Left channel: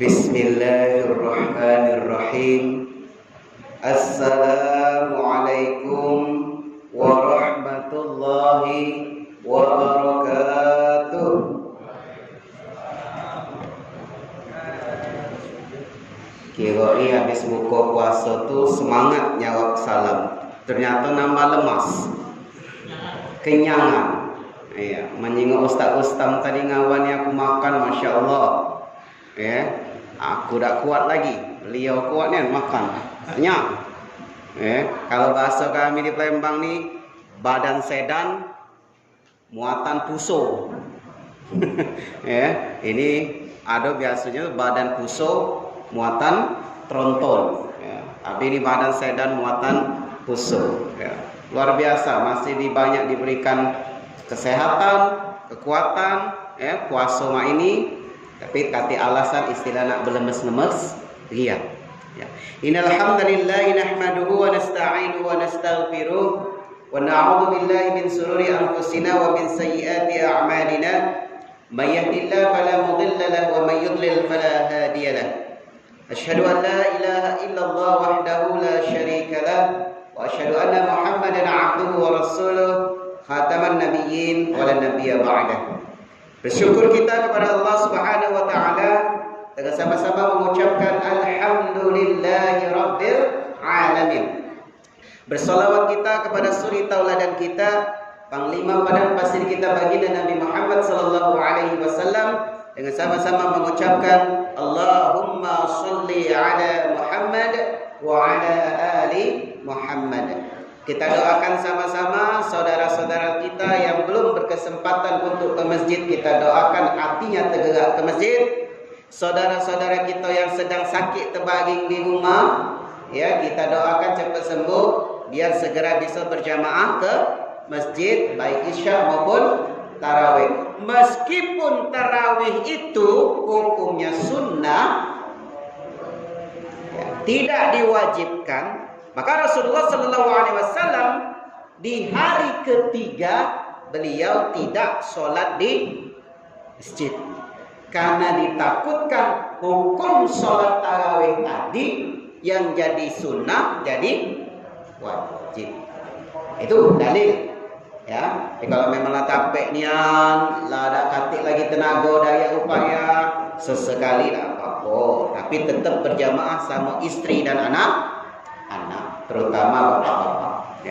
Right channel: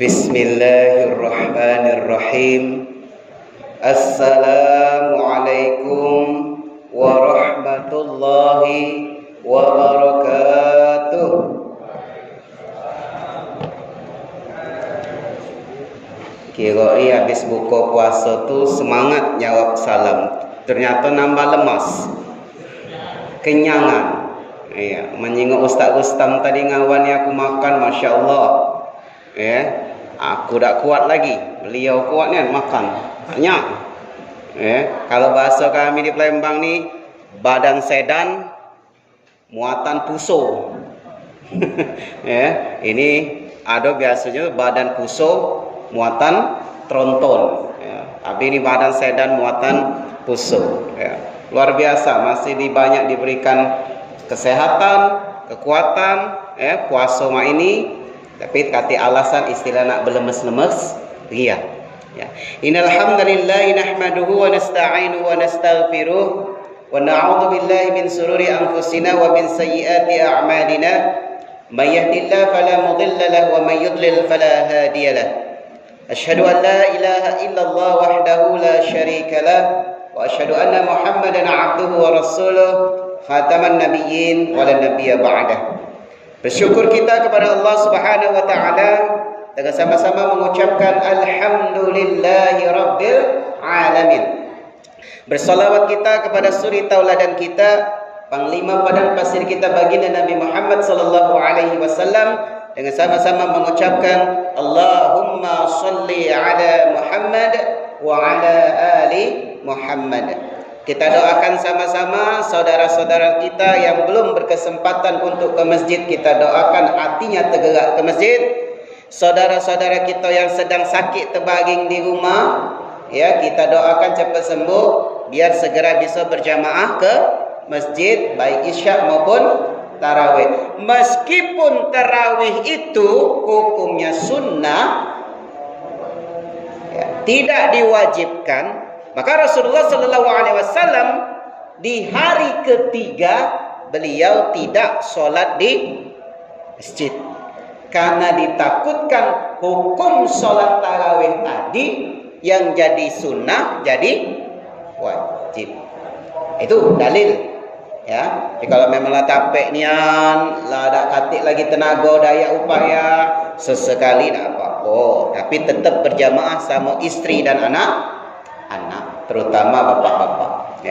Bismillahirrahmanirrahim. Assalamualaikum warahmatullahi wabarakatuh. Kira habis buka puasa tu semangat jawab salam, ternyata nambah lemas, kenyangan. Ya, menyingok ustaz-ustaz tadi ngawan yang aku makan, masya Allah. Ya, aku tak kuat lagi. Beliau kuat ni makan banyak. Kalau bahasa kami di Palembang ni, badan sedan, muatan puso. Ini ada biasanya badan puso, muatan tronton. Tapi ini badan sedan, muatan puso. Luar biasa, masih banyak diberikan kesehatan, kekuatan. Puasa mak ini. Tapi kata alasan istilah nak berlemes-lemes ria. Innal hamdalillah nahmaduhu wa nasta'inuhu wa nastaghfiruh wa na'udzu billahi min sururi anfusina wa min sayyiati a'malina. May yahdihillahu fala mudilla lahu wa may yudlil fala hadiya lahu. Asyhadu an la ilaha illallah wahdahu la syarika lah wa asyhadu anna Muhammadan 'abduhu wa rasuluh khataman nabiyyin wa la nabiyya ba'dah. Bersyukur kita kepada Allah Subhanahu wa taala dengan sama-sama mengucapkan alhamdulillahi rabbil alamin. Bersolawat kita kepada suri tauladan kita, panglima padang pasir kita baginda Nabi Muhammad sallallahu alaihi wasallam, dengan sama-sama mengucapkan Allahumma shalli ala Muhammad wa ala ali Muhammad. Kita doakan sama-sama saudara-saudara kita yang belum berkesempatan untuk ke masjid, kita doakan hatinya tergerak ke masjid. Saudara-saudara kita yang sedang sakit terbaring di rumah, kita doakan cepat sembuh biar segera bisa berjamaah ke masjid baik isyak maupun tarawih. Meskipun tarawih itu hukumnya sunnah, tidak diwajibkan, maka Rasulullah sallallahu alaihi wasallam di hari ketiga beliau tidak solat di masjid karena ditakutkan hukum solat tarawih tadi yang jadi sunnah jadi wajib. Itu dalil. Jadi kalau memanglah capek nian, lah tak katik lagi tenaga daya upaya, sesekali tak apa-apa, tapi tetap berjamaah sama istri dan anak, terutama bapak-bapak.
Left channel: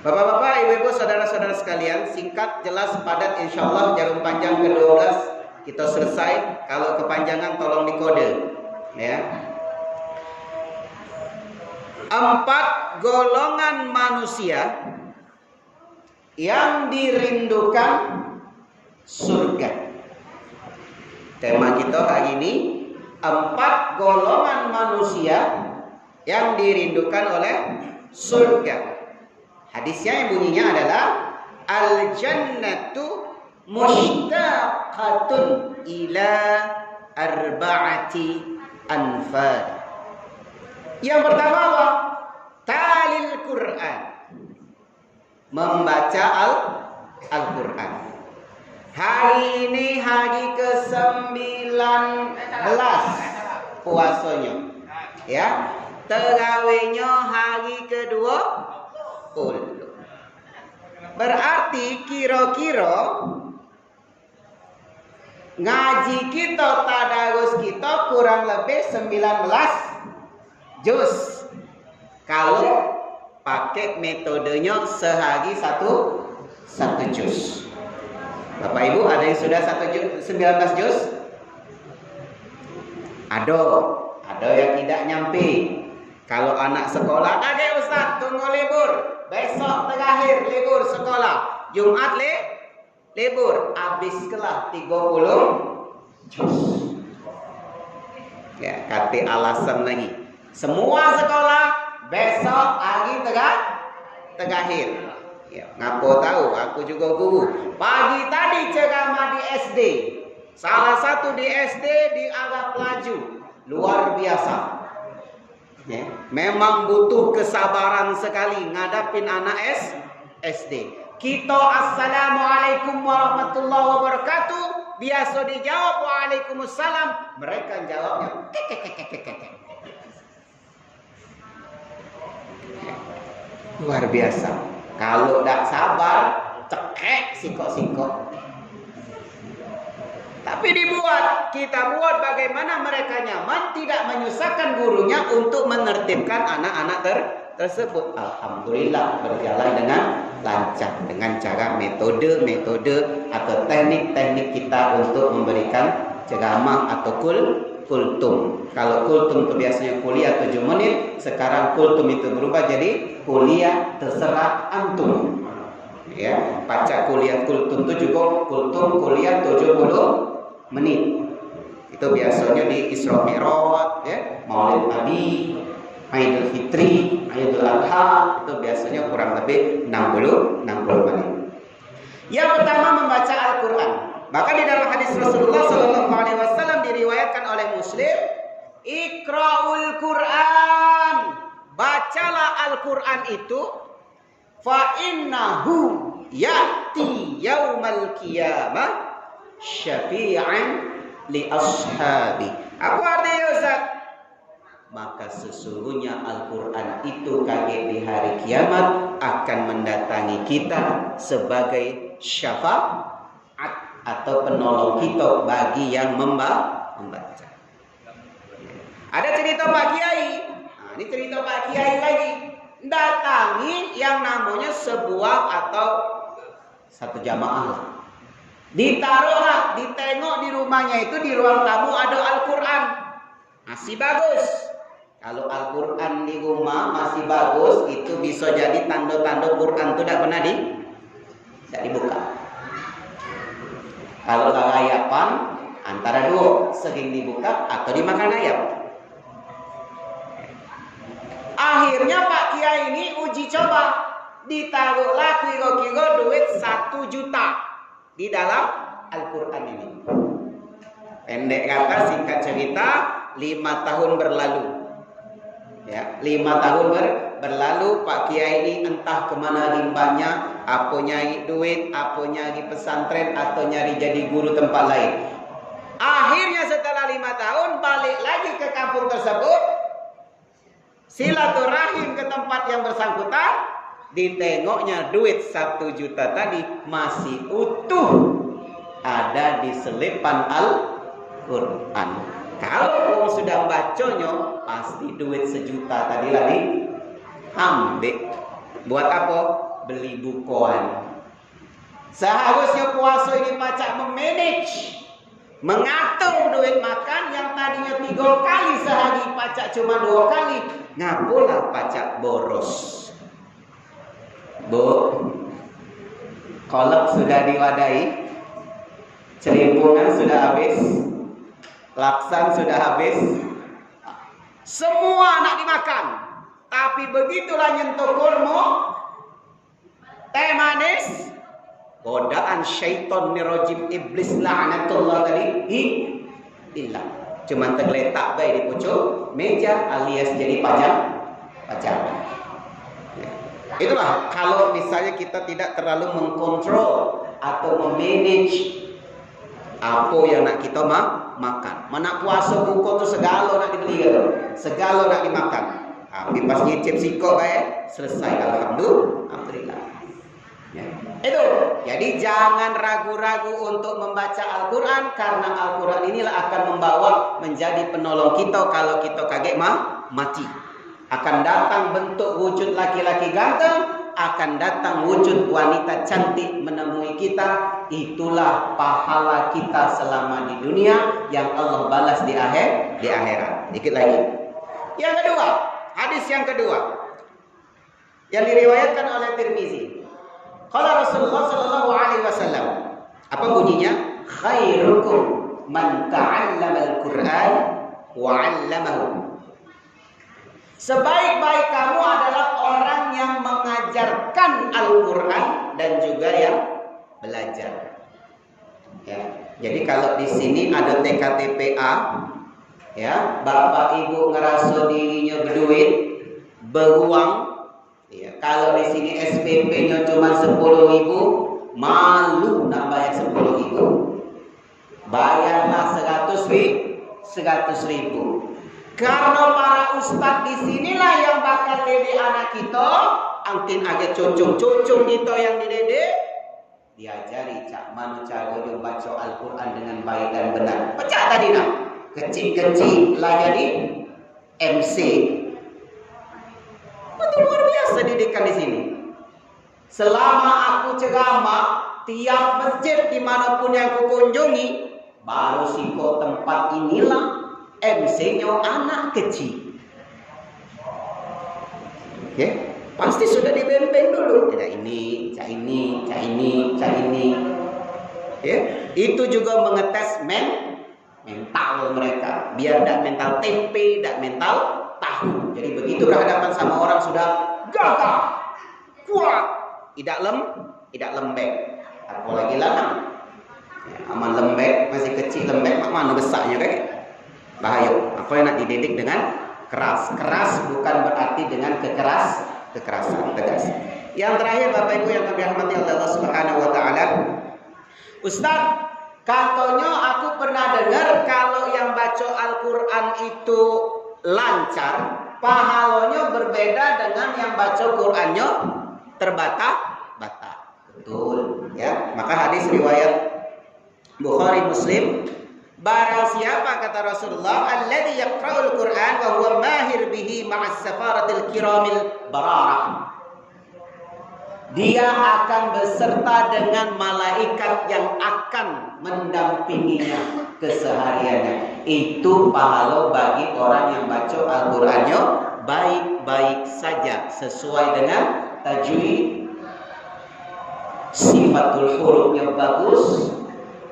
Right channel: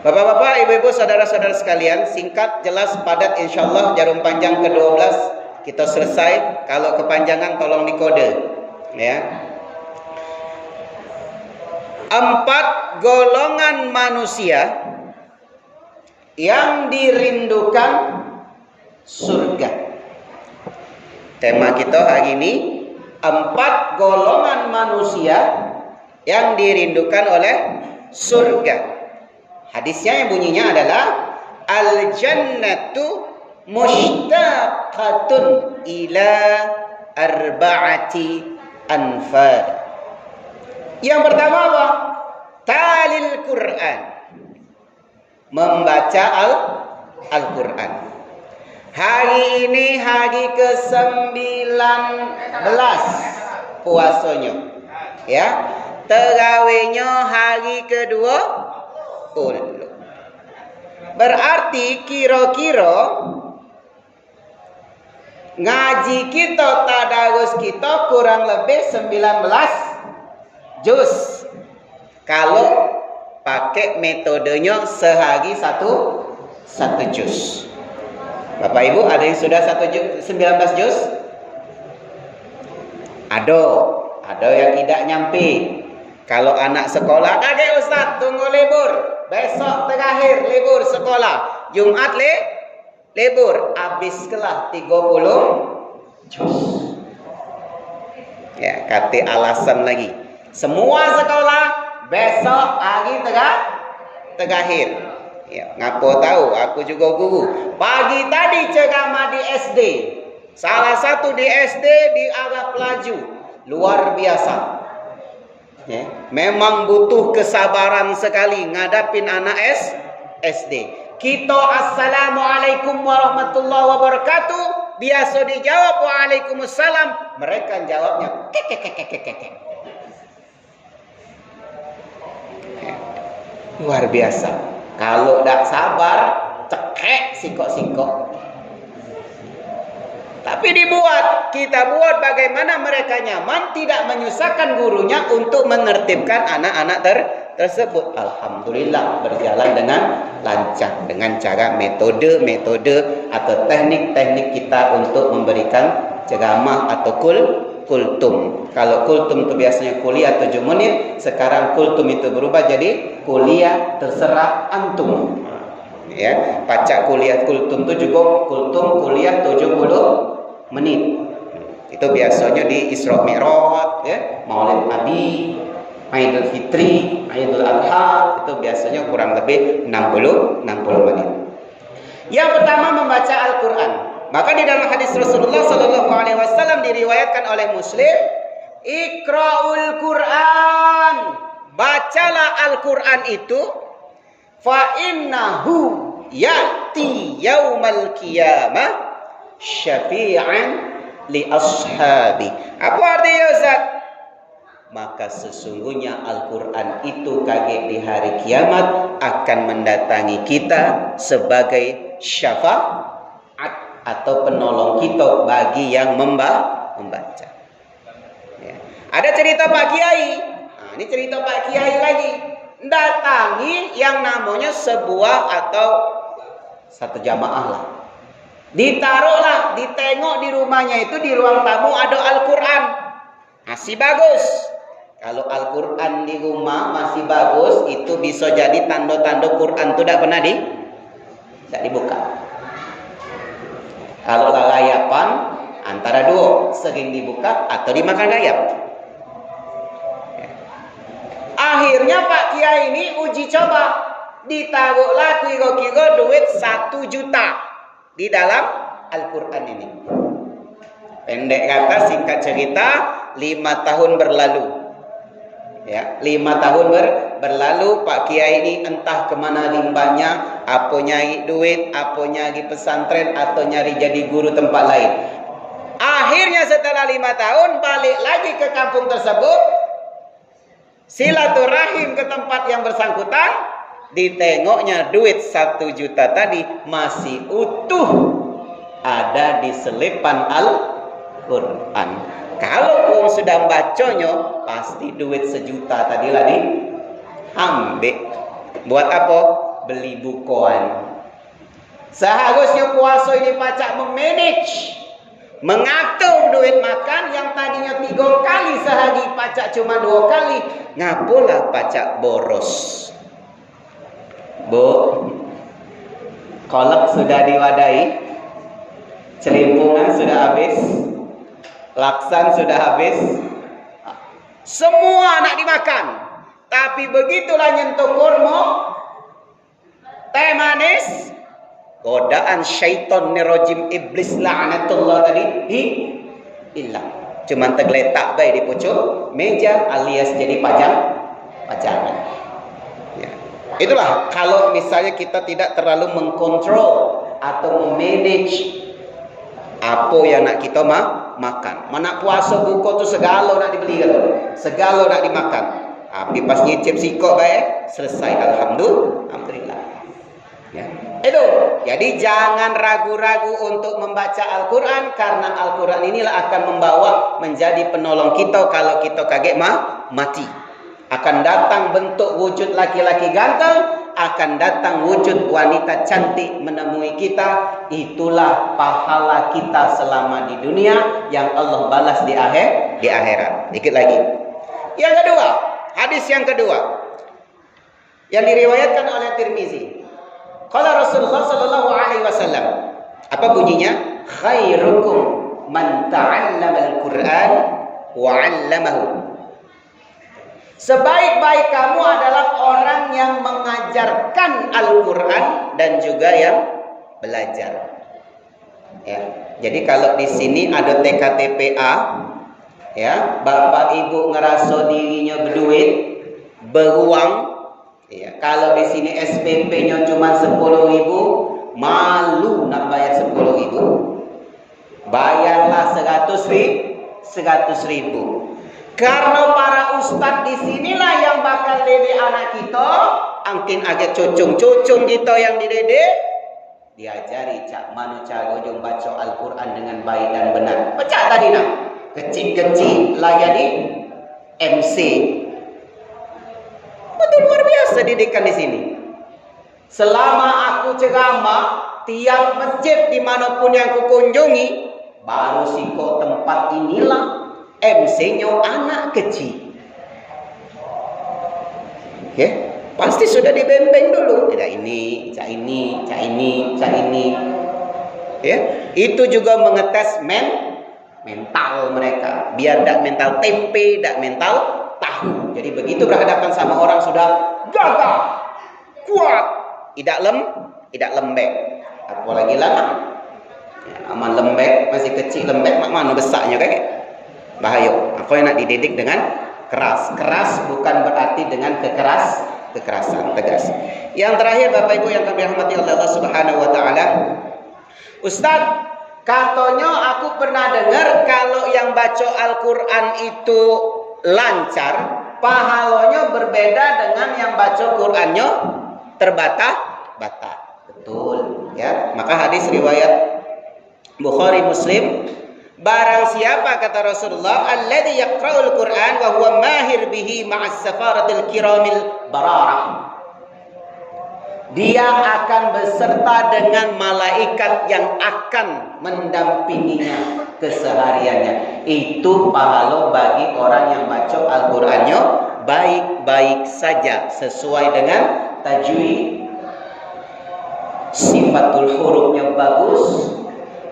Bapak-bapak, ibu-ibu, saudara-saudara sekalian, singkat, jelas, padat, insyaallah jarum panjang ke-12 kita selesai. Kalau kepanjangan tolong dikode. 4 golongan manusia yang dirindukan surga. Tema kita hari ini 4 golongan manusia yang dirindukan oleh surga. Hadisnya yang bunyinya adalah al-jannatu mushtaqatun ila arba'ati anfar. Yang pertama apa? Talil Quran. Membaca Al-Quran. Hari ini hari ke-19 puasanya. Tarawihnya hari ke-20. Berarti kira-kira ngaji kita, tadarus kita kurang lebih 19 juz. Kalau pakai metodenya sehari satu juz. Bapak Ibu, ada yang sudah 19 juz? Ada yang tidak nyampe. Kalau anak sekolah, kakek Ustaz tunggu libur, besok terakhir libur sekolah, Jumat libur, habis kelah 30 juz. Kata alasan lagi, semua sekolah besok hari terakhir. Ngapa tahu? Aku juga guru. Pagi tadi ceramah di SD. Salah satu di SD di Arab Laju. Luar biasa. Memang butuh kesabaran sekali ngadapin anak SD. Kita assalamualaikum warahmatullahi wabarakatuh. biasa dijawab waalaikumsalam, mereka jawabnya kek. Luar biasa. Kalau tak sabar, cekek sikok-sikok. Tapi kita buat bagaimana mereka nyaman, tidak menyusahkan gurunya untuk menertibkan anak-anak tersebut. Alhamdulillah berjalan dengan lancar dengan cara metode atau teknik-teknik kita untuk memberikan ceramah atau kultum. Kalau kultum itu biasanya kuliah 7 menit, sekarang kultum itu berubah jadi kuliah terserah antum. Ya, pacak kuliah kultum itu juga kultum kuliah 70 menit. Itu biasanya di Isra Mi'raj, ya, Maulid Nabi, Aidul Fitri, Aidul Adha, itu biasanya kurang lebih 60 menit. Yang pertama membaca Al-Qur'an. Maka di dalam hadis Rasulullah sallallahu alaihi wasallam diriwayatkan oleh Muslim, Iqra'ul Qur'an. Bacalah Al-Qur'an itu, fa innahu ya'ti yaumal qiyamah syafi'an li ashabi. Apa artinya Ustaz? Maka sesungguhnya Al-Qur'an itu kaget di hari kiamat akan mendatangi kita sebagai syafaat atau penolong kita bagi yang membaca. Ya. Ada cerita Pak Kiai. Nah, ini cerita Pak Kiai lagi. Datangi yang namanya sebuah atau satu jamaah lah. Ditaruhlah, ditengok di rumahnya itu, di ruang tamu ada Al-Quran. Masih bagus. Kalau Al-Quran di rumah masih bagus, itu bisa jadi tanda-tanda Quran itu tidak pernah dibuka. Kalau layapan antara dua, sering dibuka atau dimakan rayap. Akhirnya Pak Kiai ini uji coba, ditaruhlah kira-kira duit 1 juta di dalam Al-Quran ini. Pendek kata, singkat cerita, 5 tahun berlalu. Ya, 5 tahun berlalu Pak Kiai ini entah kemana limbahnya, apa nyari duit, apa nyari pesantren, atau nyari jadi guru tempat lain. Akhirnya setelah 5 tahun balik lagi ke kampung tersebut, silaturahim ke tempat yang bersangkutan, ditengoknya duit 1 juta tadi masih utuh ada di selipan Al-Quran. Kalau orang sudah bacanya, pasti duit 1 juta tadi lah diambil. Buat apa? Beli bukuan. Seharusnya puasa ini pacak memanage, mengatur duit makan yang tadinya 3 kali sehari, pacak cuma 2 kali. Ngapalah pacak boros? Bu, kolak sudah diwadahi, celimpungan sudah habis, laksan sudah habis, semua nak dimakan. Tapi begitulah nyentuh kurma, teh manis, godaan syaitan nirojim iblis la'natullah tadi hilang. Cuman tergeletak baik di pucuk meja alias jadi pajangan. Ya. Itulah kalau misalnya kita tidak terlalu mengkontrol atau memanage apa yang nak kita makan. Mana puasa buka tu segala nak dibeli, segala nak dimakan. Tapi pas nyicip sikok baik, selesai. Alhamdulillah. Ya. Itu. Jadi jangan ragu-ragu untuk membaca Al-Quran, karena Al-Quran inilah akan membawa menjadi penolong kita kalau kita kaget mati. Akan datang bentuk wujud laki-laki ganteng, akan datang wujud wanita cantik menemui kita. Itulah pahala kita selama di dunia yang Allah balas di akhirat. Dikit lagi. Yang kedua, hadis yang kedua yang diriwayatkan oleh Tirmizi. Qala Rasulullah sallallahu alaihi wasallam. Apa bunyinya? Khairukum man ta'allama al-Qur'an wa 'allamahu. Sebaik-baik kamu adalah orang yang mengajarkan Al-Quran dan juga yang belajar. Ya, jadi kalau di sini ada TKTPA, ya, bapak ibu ngerasa dirinya berduit, beruang. Ya, kalau di sini SPP-nya cuma 10.000, malu nak bayar 10.000. bayarlah 100 ribu. Karena para ustadz di sinilah yang bakal didik anak kita, angkin aja cucung kita yang dididik, diajari cak mana cara dia baca Al-Quran dengan baik dan benar. Pecah tadi nak, kecil-kecil lah jadi MC. Betul luar biasa didikan di sini. Selama aku ceramah, tiap masjid dimanapun yang kukunjungi, baru siko tempat inilah MC-nya anak kecil. Okay? Pasti sudah dibembeng dulu. Tidak ini, cak ini, cak ini, cak ini. Ya, itu juga mengetes mental mereka. Biar tidak mental tempe, tidak mental tahu. Jadi begitu berhadapan sama orang sudah gagah, kuat, tidak lembek. Apalagi lanang. Ya, aman lembek, masih kecil lembek, mana besarnya kayak. Bahaya. Aku nak dididik dengan keras. Keras bukan berarti dengan kekerasan, tegas. Yang terakhir Bapak Ibu yang kami rahmati oleh Allah Subhanahu wa taala. Ustaz, katanya aku pernah dengar kalau yang baca Al-Qur'an itu lancar, pahalanya berbeda dengan yang baca Qur'annya terbata-bata. Betul, ya. Maka hadis riwayat Bukhari Muslim, barang siapa kata Rasulullah, alladzi yaqra'ul Qur'an wa huwa mahir bihi ma'as safaratil kiramil bararah. Dia akan beserta dengan malaikat yang akan mendampinginya kesehariannya. Itu pahala bagi orang yang baca Al-Qur'annya baik-baik saja sesuai dengan tajwid, sifatul hurufnya bagus,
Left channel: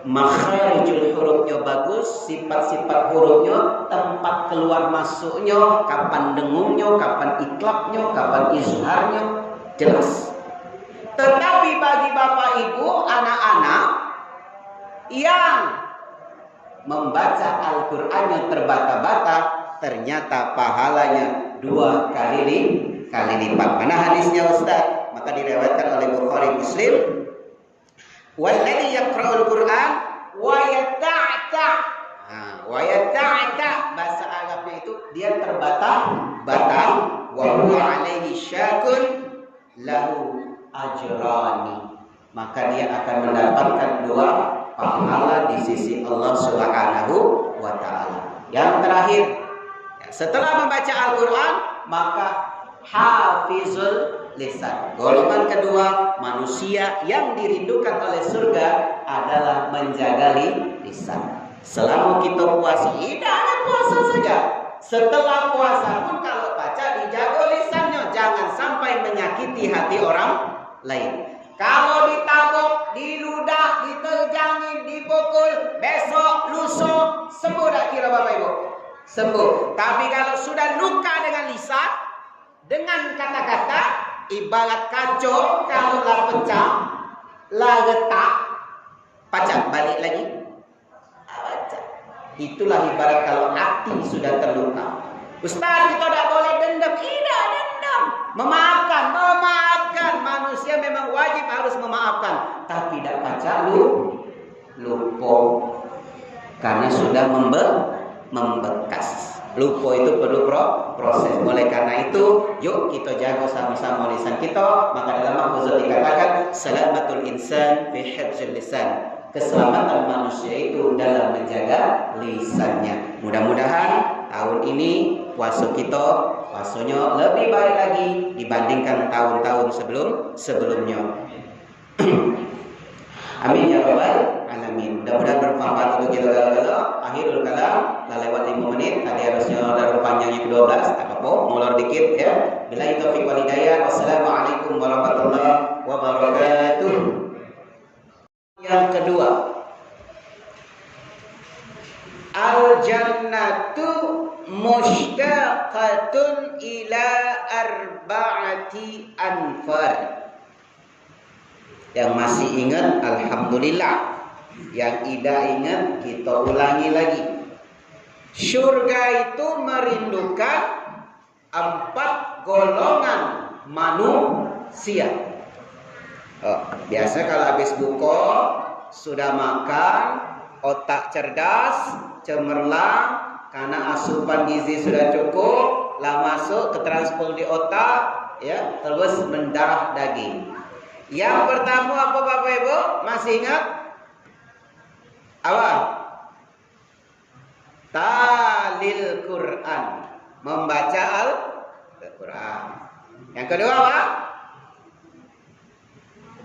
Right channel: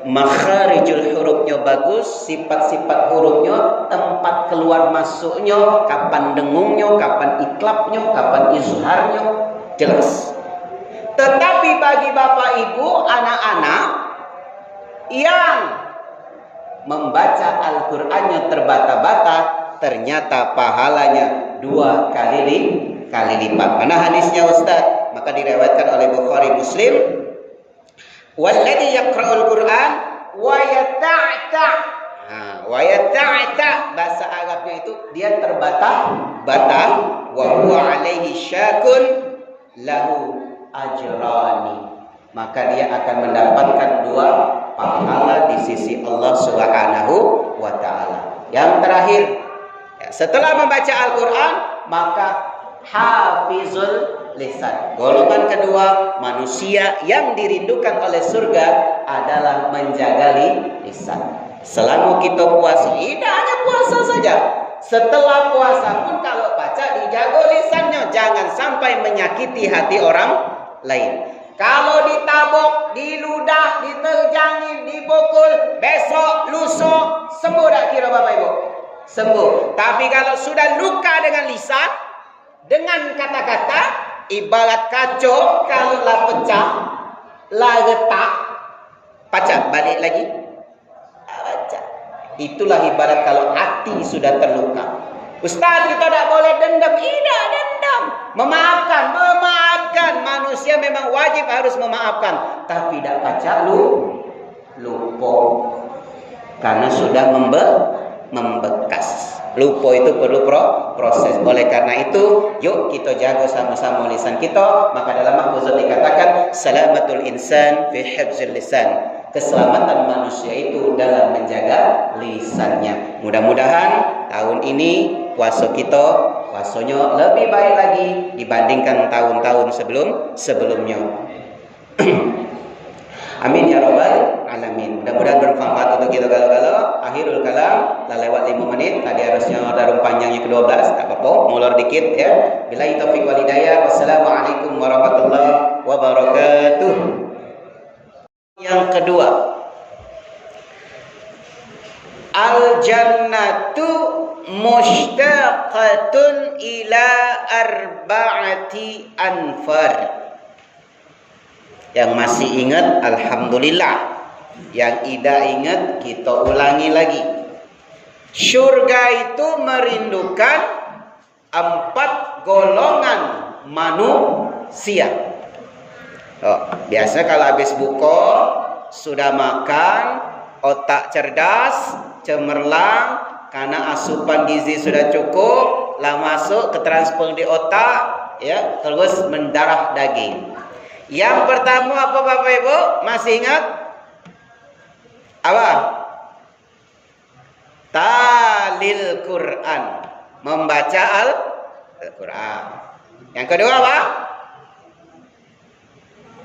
makharijul hurufnya bagus, sifat-sifat hurufnya, tempat keluar masuknya, kapan dengungnya, kapan iklapnya, kapan izharnya, jelas. Tetapi bagi Bapak Ibu, anak-anak yang membaca Al-Qur'annya terbata-bata, ternyata pahalanya 2 kali lipat. Mana hadisnya Ustaz? Maka diriwayatkan oleh Bukhari Muslim, walladzi yaqra'ul Qur'an wa yata'ta. Wa yata'ta bahasa Arabnya itu dia terbata-bata, wa huwa alaihi syakun lahu ajrani. Maka dia akan mendapatkan 2 pahala di sisi Allah Subhanahu wa taala. Yang terakhir, ya, setelah membaca Al-Qur'an, maka hafizul lisan. Golongan kedua manusia yang dirindukan oleh surga adalah menjaga lisan. Selama kita puasa, tidak hanya puasa saja. Setelah puasa pun kalau baca dijaga lisannya, jangan sampai menyakiti hati orang lain. Kalau ditabok, diludah, diterjangin, dipukul, besok, lusa, sembuh tak kira Bapak Ibu? Sembuh. Tapi kalau sudah luka dengan lisan, dengan kata-kata, ibarat kaca, kalau lah pecah, lah retak, pecah balik lagi, pecah. Itulah ibarat kalau hati sudah terluka. Ustaz, kita tak boleh dendam. Tidak dendam. Memaafkan. Manusia memang wajib harus memaafkan. Tapi tidak pacak lupa. Karena sudah membekas. Lupa itu perlu proses. Oleh karena itu, yuk kita jaga sama-sama lisan kita. Maka dalam mahfuzat dikatakan, salamatul insan fi hifzil lisan. Keselamatan manusia itu dalam menjaga lisannya. Mudah-mudahan tahun ini puasanya lebih baik lagi dibandingkan tahun-tahun sebelumnya. Amin ya rabbal alamin. Mudah-mudahan bermanfaat untuk kita galau-galau. Akhirul kalam, dah lewat 5 menit. Tadi harusnya darum panjangnya ke-12, tak apa-apa, molor dikit ya. Billahi taufiq wal hidayah. Wassalamualaikum warahmatullahi wabarakatuh. Yang kedua, al-jannatu mushtaqatun ila arba'ati anfar. Yang masih ingat, alhamdulillah. Yang tidak ingat, kita ulangi lagi. Surga itu merindukan 4 golongan manusia. Biasa kalau habis buka, sudah makan, otak cerdas, cemerlang, karena asupan gizi sudah cukup, lah masuk ke transfer di otak, ya, terus mendarah daging. Yang pertama apa Bapak Ibu? Masih ingat? Apa? Talil Quran, membaca Al-Quran. Yang kedua apa?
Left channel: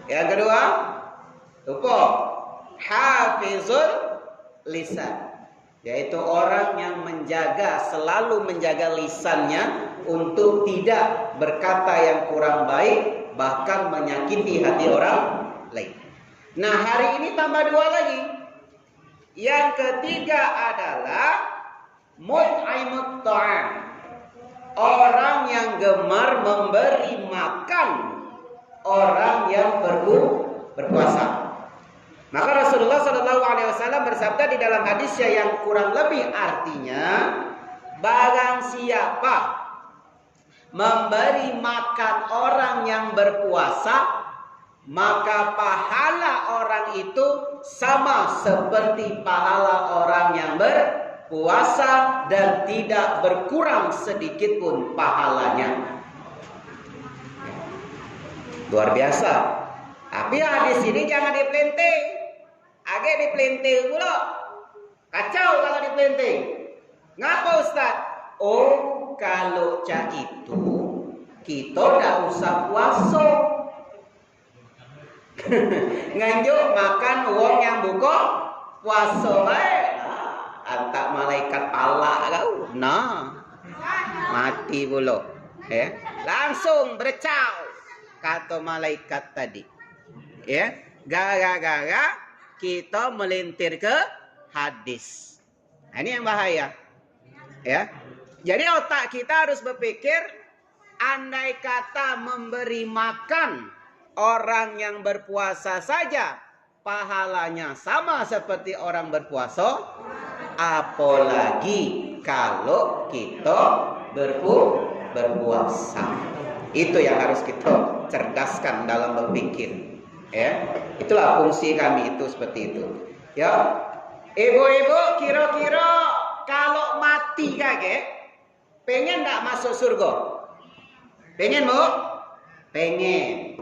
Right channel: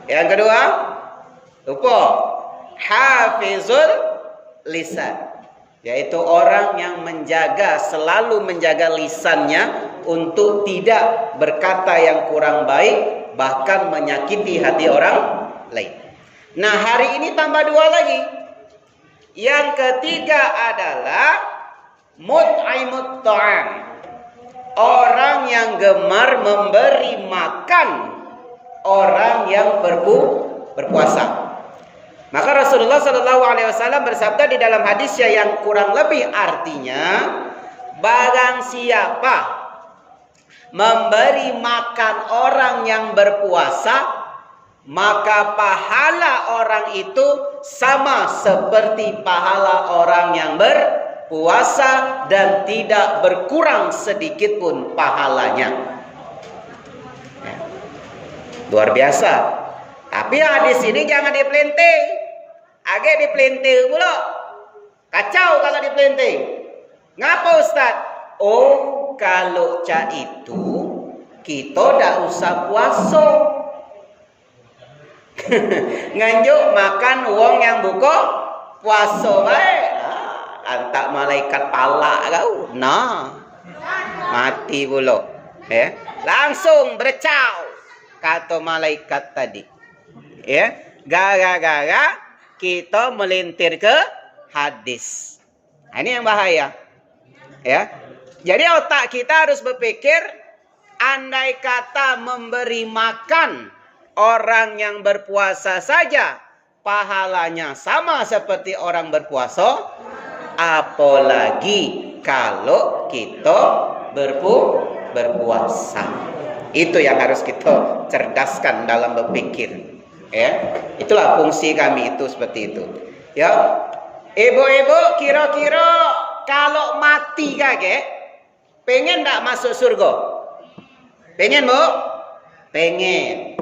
Yang kedua, lupa, hafizul lisan, yaitu orang yang selalu menjaga lisannya untuk tidak berkata yang kurang baik, bahkan menyakiti hati orang lain. Nah, hari ini tambah 2 lagi. Yang ketiga adalah mut'imut ta'am, orang yang gemar memberi makan orang yang berpuasa. Maka Rasulullah SAW bersabda di dalam hadisnya yang kurang lebih artinya, barang siapa memberi makan orang yang berpuasa, maka pahala orang itu sama seperti pahala orang yang berpuasa dan tidak berkurang sedikit pun pahalanya. Luar biasa. Tapi hadis ini jangan dipelinting. Agak dipelinting pula. Kacau kalau dipelinting. Ngapa Ustaz? Oh, kalau cak itu kita tak usah puasa. Nganjuk makan uang yang buka puasa baik. Antak malaikat pala kau. Nah, mati pula. Langsung bercau. Kata malaikat tadi, ya, gara-gara kita melintir ke hadis. Ini yang bahaya, ya. Jadi otak kita harus berpikir, andai kata memberi makan orang yang berpuasa saja pahalanya sama seperti orang berpuasa, apalagi kalau kita berpuasa. Itu yang harus kita cerdaskan dalam berpikir, ya. Itulah fungsi kami itu seperti itu, ya. Ibu-ibu, kira-kira kalau mati kakek pengen tak masuk surga? Pengen Bu? Pengen.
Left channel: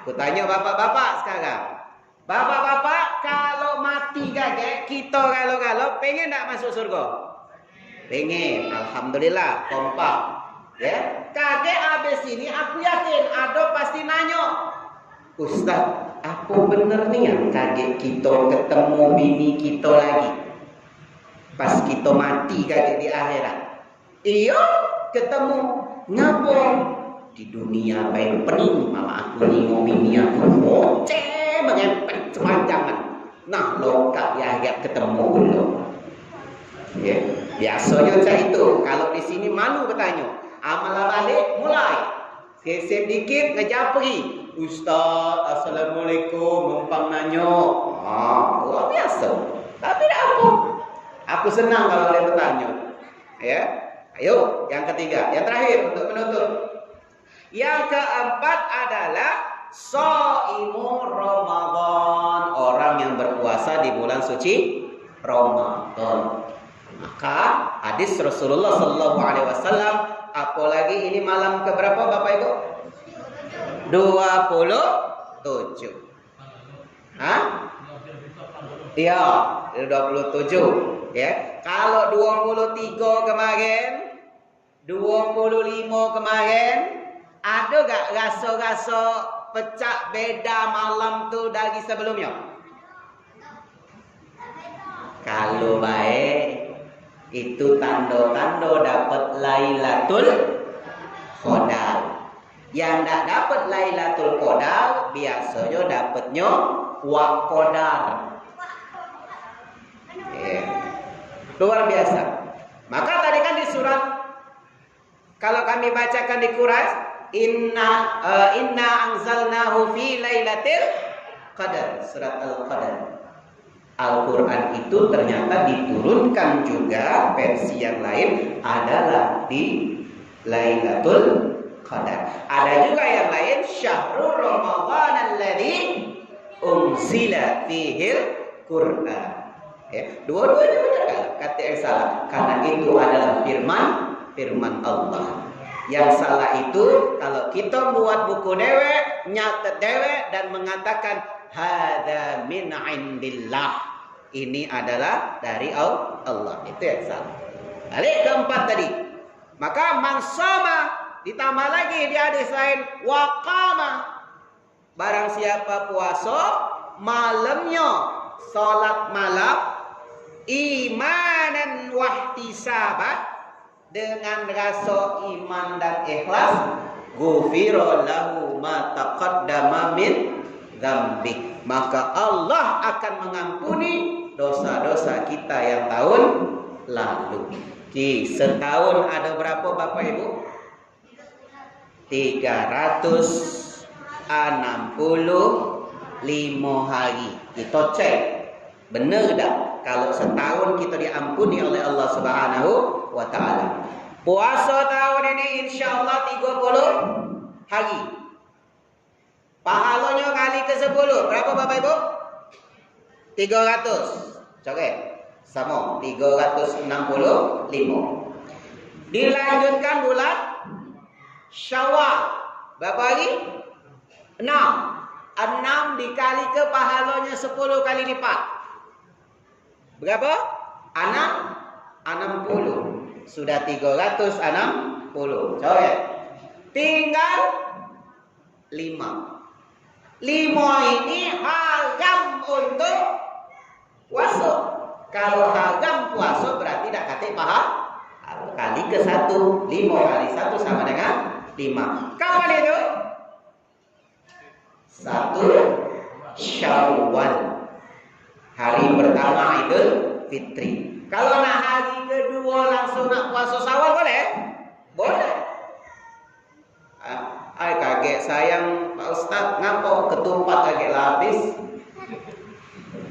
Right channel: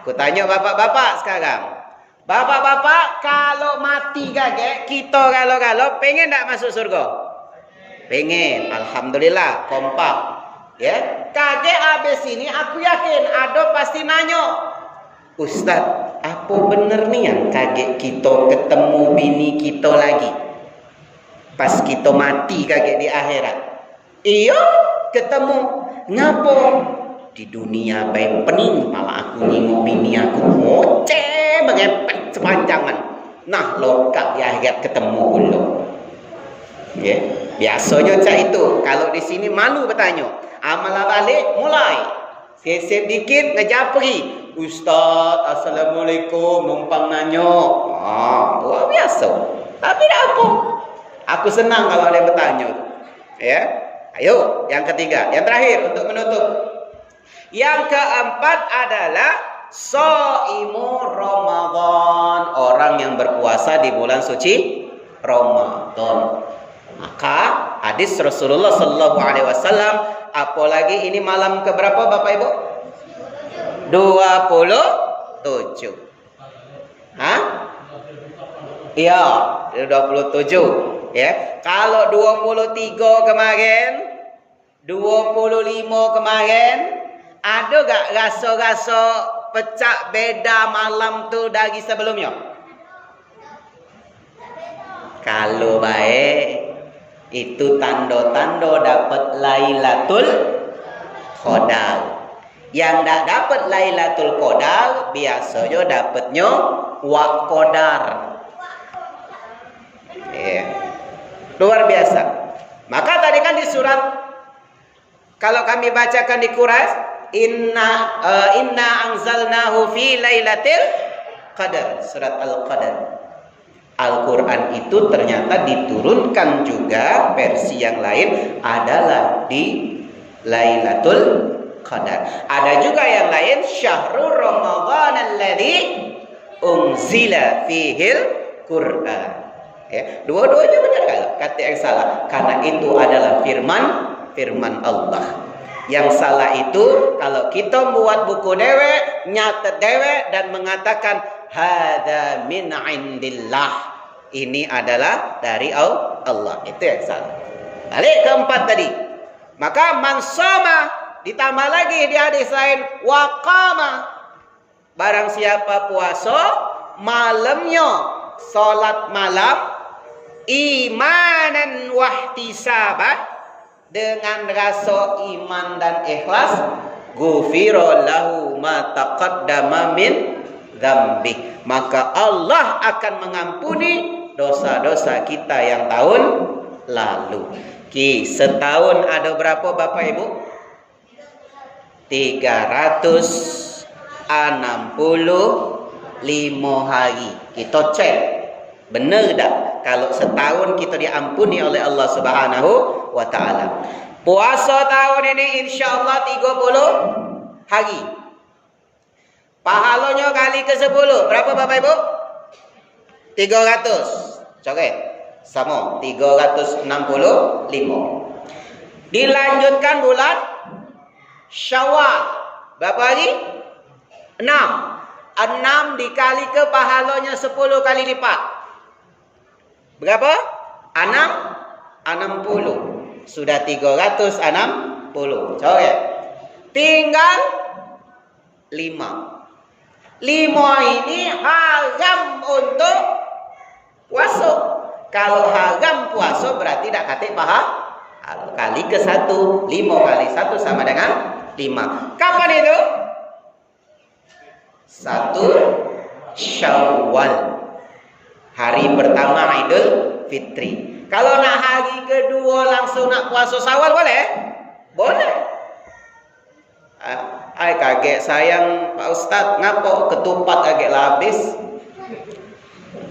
Aku tanya bapak-bapak sekarang, bapak-bapak kalau mati kakek, kita kalau pengen tak masuk surga? Pengen. Alhamdulillah, kompak. Ya, kakek habis ini aku yakin ada pasti nanya, Ustaz, apa bener nih yang kakek kita ketemu bini kita lagi pas kita mati kakek di akhirat? Iya, ketemu. Ngapa? Di dunia baik pening, malah aku nyinggung bini aku ngoceh mengepet sepanjangan. Nah, lokak di akhirat ketemu dulu. Ya, biasanya cak itu kalau di sini malu bertanya. Amalah balik mulai sesep dikit ngejapri, Ustaz, Assalamualaikum, numpang nanya. Luar biasa. Tapi tak apa, aku senang kalau dia bertanya, ya. Ayo, yang ketiga, yang terakhir untuk menutup. Yang keempat adalah shaimu Ramadan, orang yang berpuasa di bulan suci Ramadan. Maka hadis Rasulullah SAW, apalagi ini malam keberapa Bapak Ibu? 27. Hah? Iya, 27. Ya. Kalau 23 kemarin, 25 kemarin, ada gak rasa-rasa pecah beda malam tu dari sebelumnya? Kalau baik, itu tanda-tanda dapat Lailatul Qadar. Yang tak dapat Lailatul Qadar biasanya dapatnya Wa Qadar. Luar biasa. Maka tadi kan di surat, kalau kami bacakan di Quraisy, inna anzalnahu fi Lailatul Qadar, surat Al-Qadar. Al-Quran itu ternyata diturunkan juga versi yang lain adalah di Lailatul Qadar. Ada juga yang lain, Syahrul Ramadan alladzi unzila fihil Qur'an. Ya, dua-duanya benar kalau kata yang salah, karena itu adalah firman Allah. Yang salah itu kalau kita buat buku dewe, nyatet dewe dan mengatakan hada min indillah. Ini adalah dari Allah. Itu yang salah. Balik keempat tadi. Maka mansama ditambah lagi di hadis lain waqama. Barang siapa puasa malamnya salat malam imanan wahtisaban dengan rasa iman dan ikhlas ghufira lahu ma taqaddama min dzambi, maka Allah akan mengampuni dosa-dosa kita yang tahun lalu. Setahun ada berapa Bapak Ibu? 365 hari. Kita cek benar tak kalau setahun kita diampuni oleh Allah Subhanahu wa ta'ala. Puasa tahun ini insya-Allah 30 hari. Pahalanya kali ke 10 berapa Bapak Ibu? 300. Coret. Sama 365. Dilanjutkan bulan Syawal. Berapa hari? 6. 6 dikali ke pahalanya 10 kali lipat. Berapa? 60. Sudah 360. Coret. Tinggal 5. 5 ini haram untuk puasa. Kalau haram puasa berarti tak kata pahala. Kali ke 1. 5 kali 1 sama dengan 5. Kapan itu? 1 Syawal. Hari pertama Idul Fitri. Kalau nak hari kedua langsung nak puasa Syawal boleh? Boleh. Ai kaget sayang Pak Ustaz, ngapa ketupat kaget lah habis?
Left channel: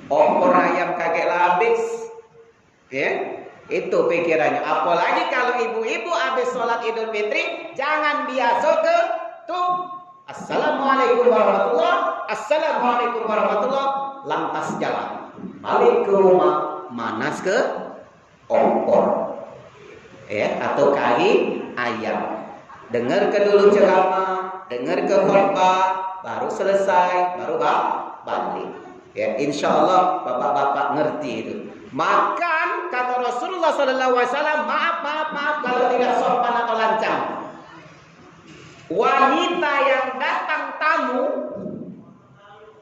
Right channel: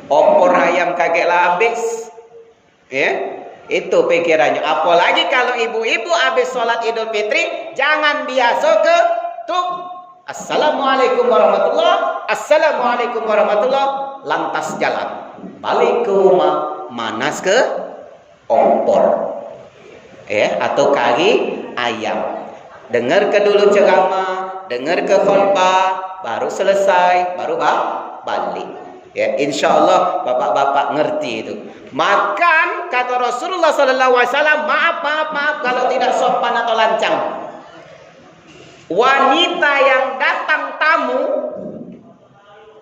Opor ayam kaget lah habis. Ya, itu pikirannya. Apalagi kalau ibu-ibu habis sholat Idul Fitri, jangan biasa ke tuk. Assalamualaikum warahmatullah. Assalamualaikum warahmatullah. Lantas jalan. Balik ke rumah, manas ke opor. Ya, atau kari ayam. Dengar ke dulu ceramah, dengar ke khutbah, baru selesai, baru balik. Ya, insya-Allah bapak-bapak ngerti itu. Makan kata Rasulullah sallallahu alaihi wasallam, maaf kalau tidak sopan atau lancang. Wanita yang datang tamu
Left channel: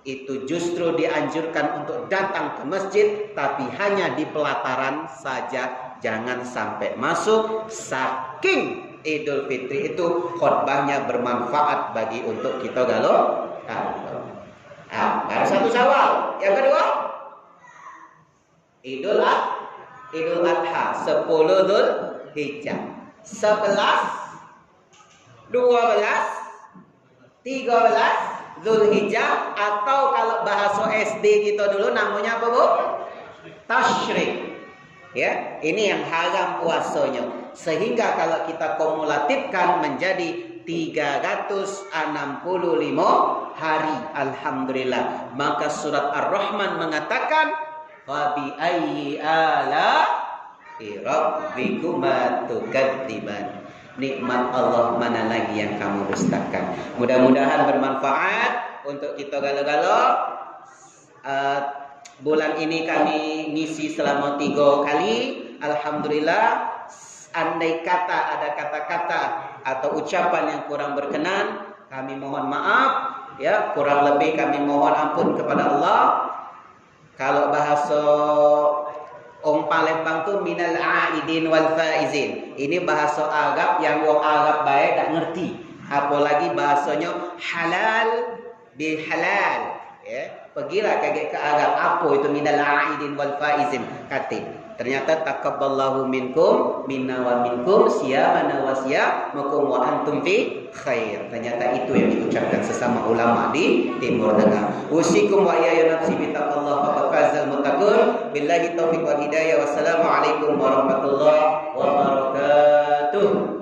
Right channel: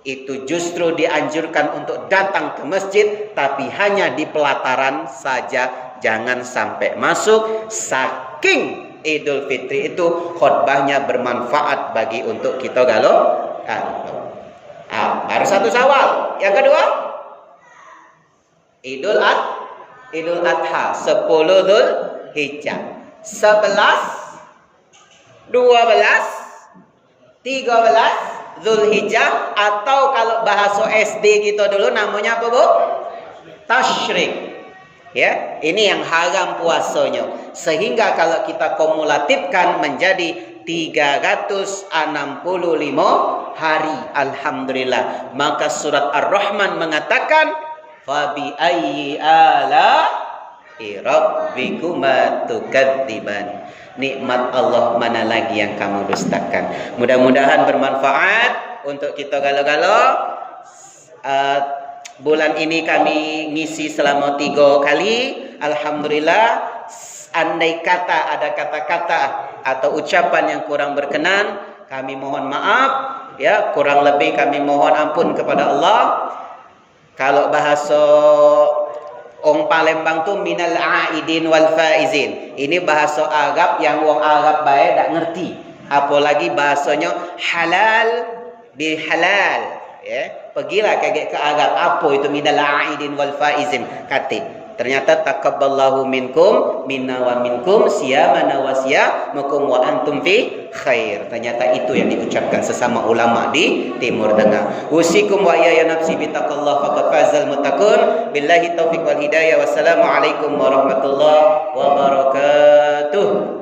itu justru dianjurkan untuk datang ke masjid, tapi hanya di pelataran saja, jangan sampai masuk. Saking Idul Fitri itu khutbahnya bermanfaat bagi untuk kita galau. Baru 1 Syawal. Yang kedua Idul Adha 10 Dzulhijjah. 11 12 13 Dzulhijjah, atau kalau bahasa SD kita dulu namanya apa Bu? Tasyrik. Ya, ini yang haram puasanya. Sehingga kalau kita kumulatifkan menjadi 365 hari, alhamdulillah. Maka surat Ar-Rahman mengatakan fa bi ayyi ala'i rabbikuma tukadziban. Nikmat Allah mana lagi yang kamu dustakan. Mudah-mudahan bermanfaat untuk kita galau-galau. Bulan ini kami ngisi selama 3 kali. Alhamdulillah. Andai kata ada kata-kata atau ucapan yang kurang berkenan, kami mohon maaf. Ya, kurang lebih kami mohon ampun kepada Allah. Kalau bahasa orang Palembang tu minal aidin wal faizin. Ini bahasa Arab yang orang Arab baik tak ngerti. Apalagi bahasanya halal bil halal. Ya, pergilah kaget ke Arab apa itu minal aidin wal faizin. Kata ternyata taqabbalallahu minkum minna wa minkum siyamana wa siyamakum wa antum fi khair. Ternyata itu yang diucapkan sesama ulama di Timur Tengah. Usikum wa ya nafsi bitaqallah faqad fazal muttaqun. Billahi taufiq wal hidayah. Wassalamualaikum warahmatullahi wabarakatuh.